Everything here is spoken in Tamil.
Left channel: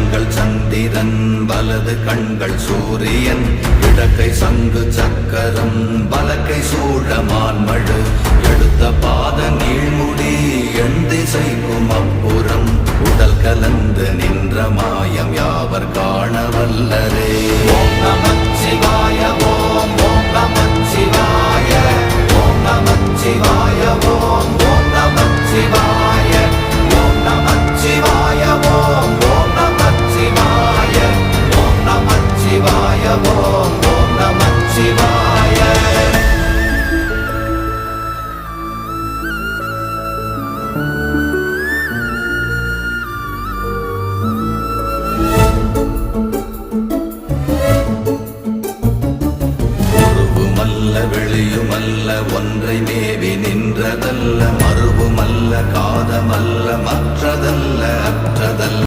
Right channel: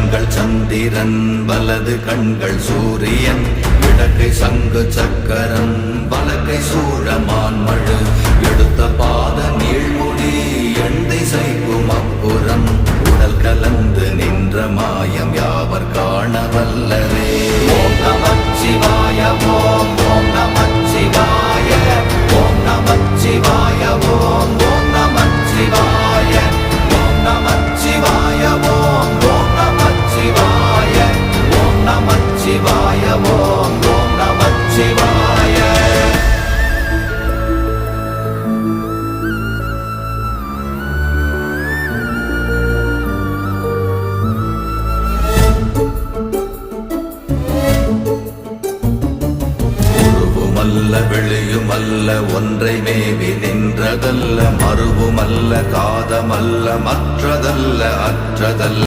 கண்கள் சந்திரன் வலது கண்கள் சூரியன் இடக்கை சங்கு சக்கரம் வலக்கை சூழமான்மழு எடுத்த பாத நீழ்முடி எண் திசைக்கும் அப்புறம் உடல் கலந்து நின்ற மாயம் யாவர் காண வல்லரே. ஓம் நமச்சிவாய ஓம் ஓம் நமச்சிவாய ஓம் நமச்சிவாய ஓம் ஓம் நமச்சிவாய ஓம் நமச்சிவாய ஓம் ஓம் நமச்சிவாய ஓம் நமச்சிவாய ஓம் ஓம் நமச்சிவாய. உருவுமல்ல வெளியுமல்ல ஒன்றை மேவி நின்றதல்ல மறுவுமல்ல காதமல்ல மற்றதல்ல அற்றதல்ல